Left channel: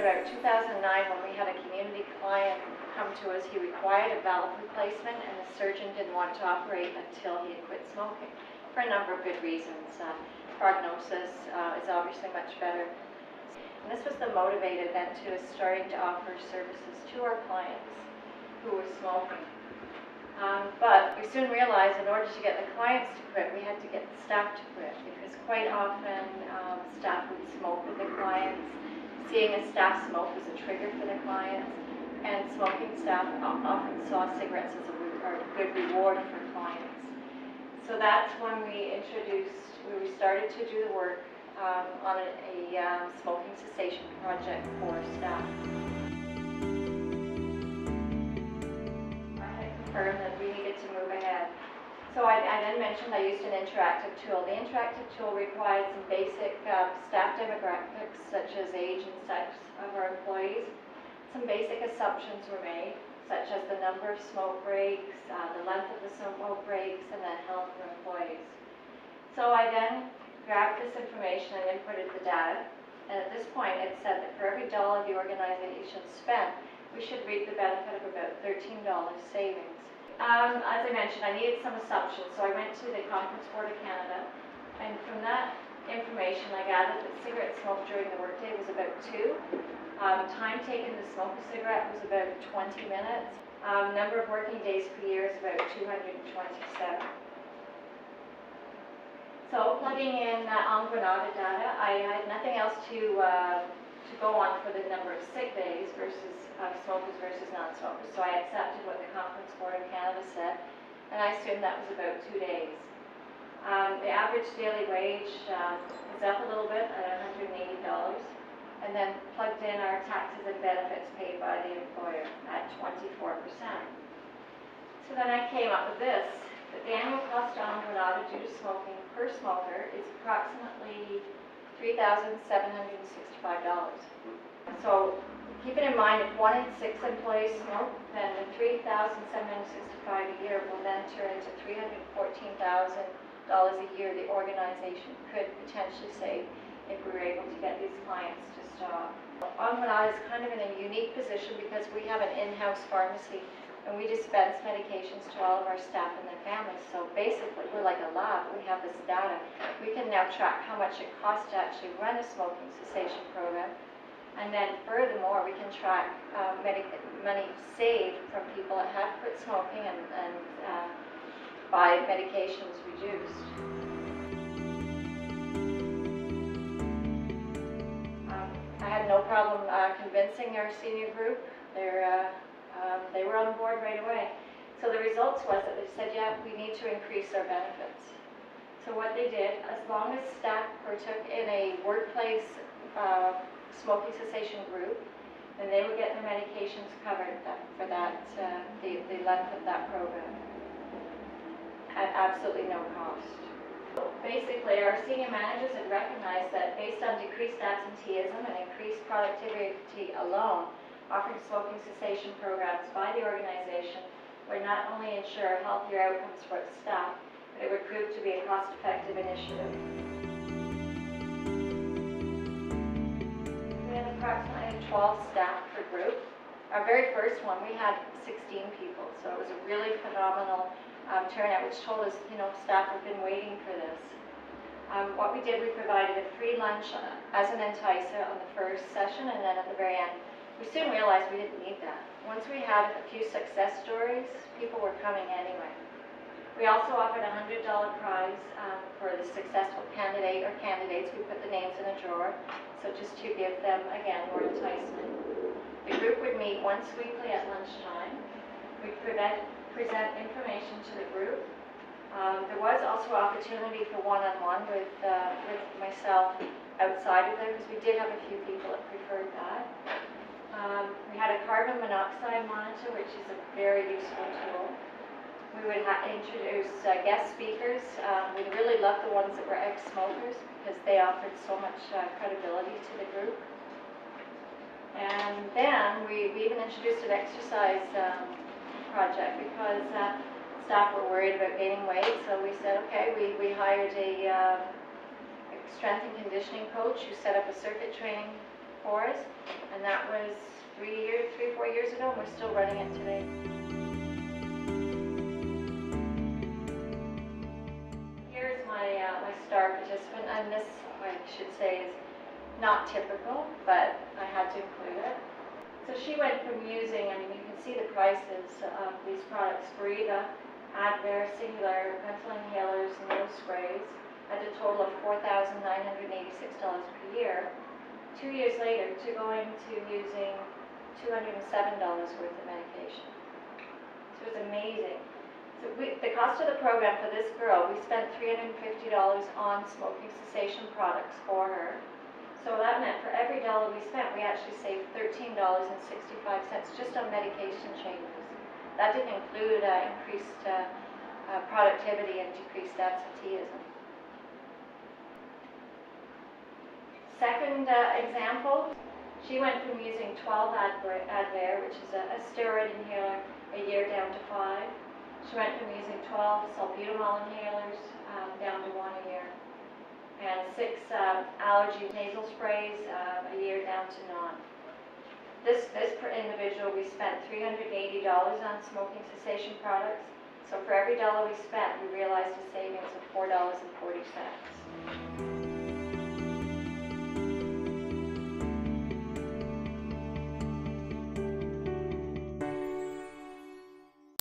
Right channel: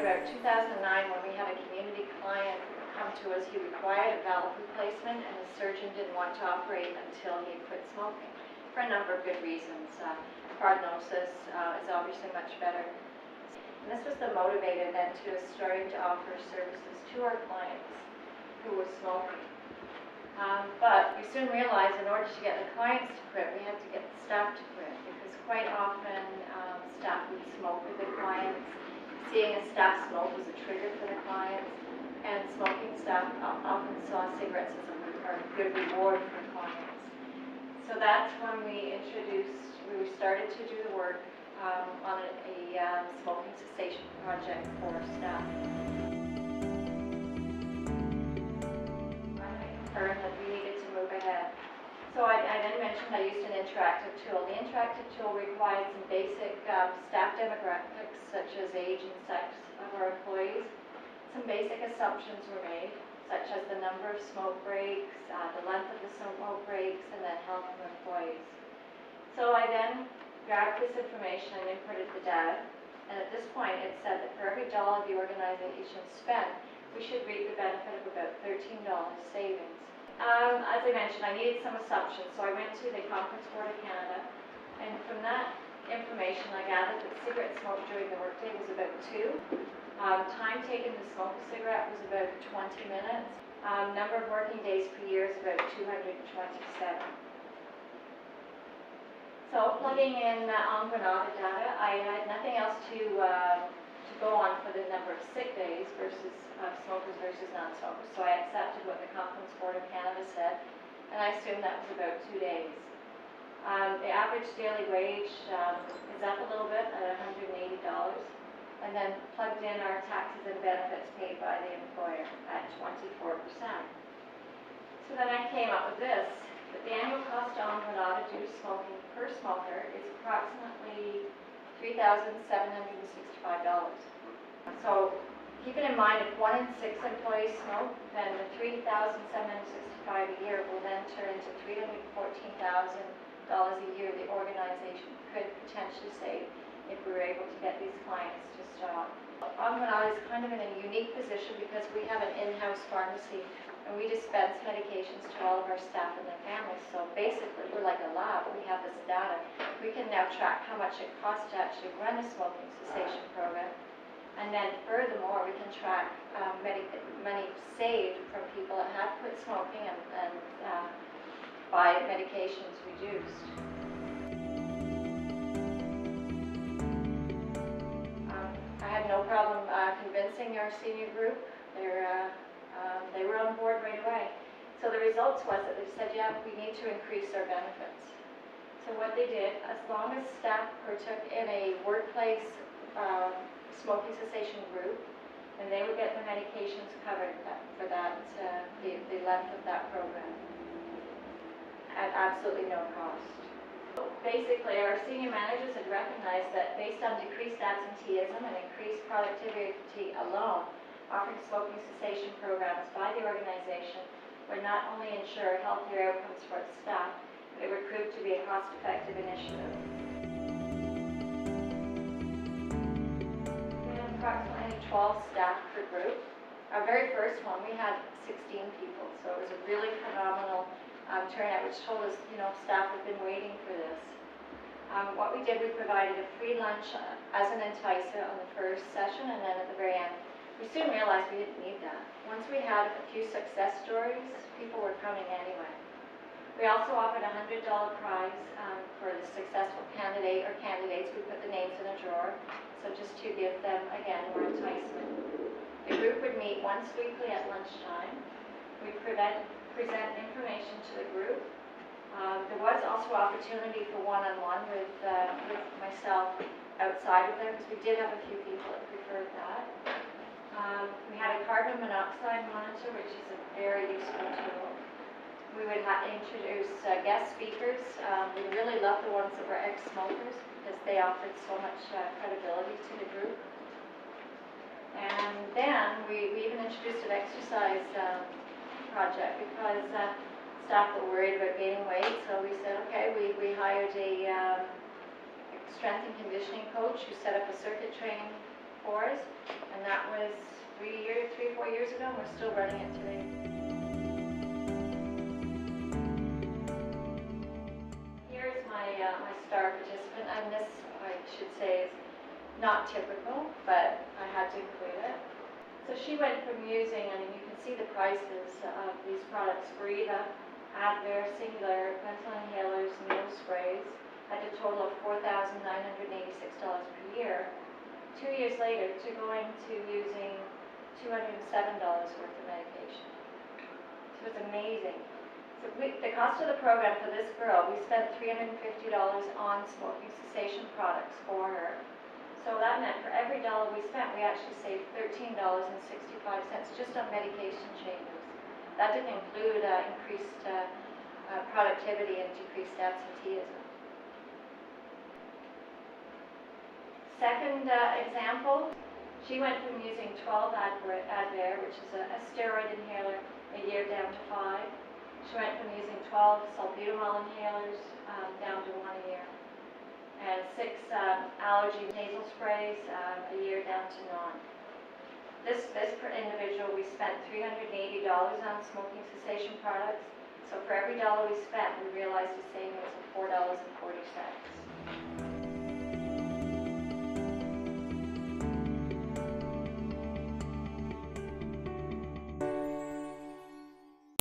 started about 2009 when we had a community client come to us. He required a valve replacement, and the surgeon didn't want to operate until he had quit smoking for a number of good reasons. Prognosis is obviously much better. And this was the motivator then to us starting to offer services to our clients who were smoking. But we soon realized in order to get the clients to quit, we had to get the staff to quit, because quite often staff would smoke with the clients. Seeing a staff smoke was a trigger for the clients, and smoking staff often saw cigarettes as a good reward for clients. So that's when we started to do the work on a smoking cessation project for staff. I confirmed that we needed to move ahead. So I then mentioned I used an interactive tool. The interactive tool required some basic staff demographics, such as age and sex of our employees. Some basic assumptions were made, such as the number of smoke breaks, the length of the smoke breaks, and then health for employees. So I then grabbed this information and inputted the data, and at this point it said that for every dollar the organization spent, we should reap the benefit of about $13 savings. As I mentioned, I needed some assumptions, so I went to the Conference Board of Canada, and from that information I gathered that cigarette smoke during the workday was about 2. Time taken to smoke a cigarette was about 20 minutes. Number of working days per year is about 227. So plugging in Ongwanada data, I had nothing else to go on for the number of sick days versus smokers versus non-smokers. So I accepted what the Conference Board of Canada said, and I assumed that was about 2 days. The average daily wage is up a little bit at $180, and then plugged in our taxes and benefits paid by the employer at 24%. So then I came up with this, that the annual cost to Onwanada due to smoking per smoker is approximately $3,765. So keeping in mind if 1 in 6 employees smoke, then the $3,765 a year will then turn into $314,000 a year the organization could potentially save if we were able to get these clients to stop. Onwanada is kind of in a unique position because we have an in-house pharmacy and we dispense medications to all of our staff and their families. So basically we're like a lab. We have this data. We can now track how much it costs to actually run a smoking cessation program. And then furthermore, we can track money saved from people that have quit smoking and by medications reduced. I had no problem convincing our senior group. They were on board right away. So the results was that they said, yeah, we need to increase our benefits. So what they did, as long as staff partook in a workplace smoking cessation group, then they would get their medications covered for that, the length of that program at absolutely no cost. So basically, our senior managers had recognized that based on decreased absenteeism and increased productivity alone, offering smoking cessation programs by the organization would not only ensure healthier outcomes for its staff, but it would prove to be a cost-effective initiative. We had approximately 12 staff per group. Our very first one, we had 16 people, so it was a really phenomenal turnout, which told us, staff have been waiting for this. What we did, we provided a free lunch as an enticer on the first session, and then at the very end, we soon realized we didn't need that. Once we had a few success stories, people were coming anyway. We also offered a $100 prize for the successful candidate or candidates. We put the names in a drawer, so just to give them, again, more enticement. The group would meet once weekly at lunchtime. We'd present information to the group. There was also opportunity for one-on-one with myself outside of there, because we did have a few people that preferred that. We had a carbon monoxide monitor, which is a very useful tool. We would introduce guest speakers. We really loved the ones that were ex-smokers because they offered so much credibility to the group. And then we even introduced an exercise project because staff were worried about gaining weight. So we said, okay, we hired a strength and conditioning coach who set up a circuit training for us, and that was 4 years ago, and we're still running it today. Here's my star participant, and this, I should say, is not typical, but I had to include it. So she went from using, I mean, you can see the prices of these products, Breathe, Advair, Singular, pencil inhalers, and nose sprays, at a total of $4,986 per year. 2 years later, to going to using $207 worth of medication. So it was amazing. So the cost of the program for this girl, we spent $350 on smoking cessation products for her. So that meant for every dollar we spent, we actually saved $13.65 just on medication changes. That didn't include increased productivity and decreased absenteeism. Second example, she went from using 12 Advair, which is a steroid inhaler, a year down to 5. She went from using 12 salbutamol inhalers down to 1 a year, and 6 allergy nasal sprays a year down to none. This per individual, we spent $380 on smoking cessation products. So for every dollar we spent, we realized a savings of $4.40.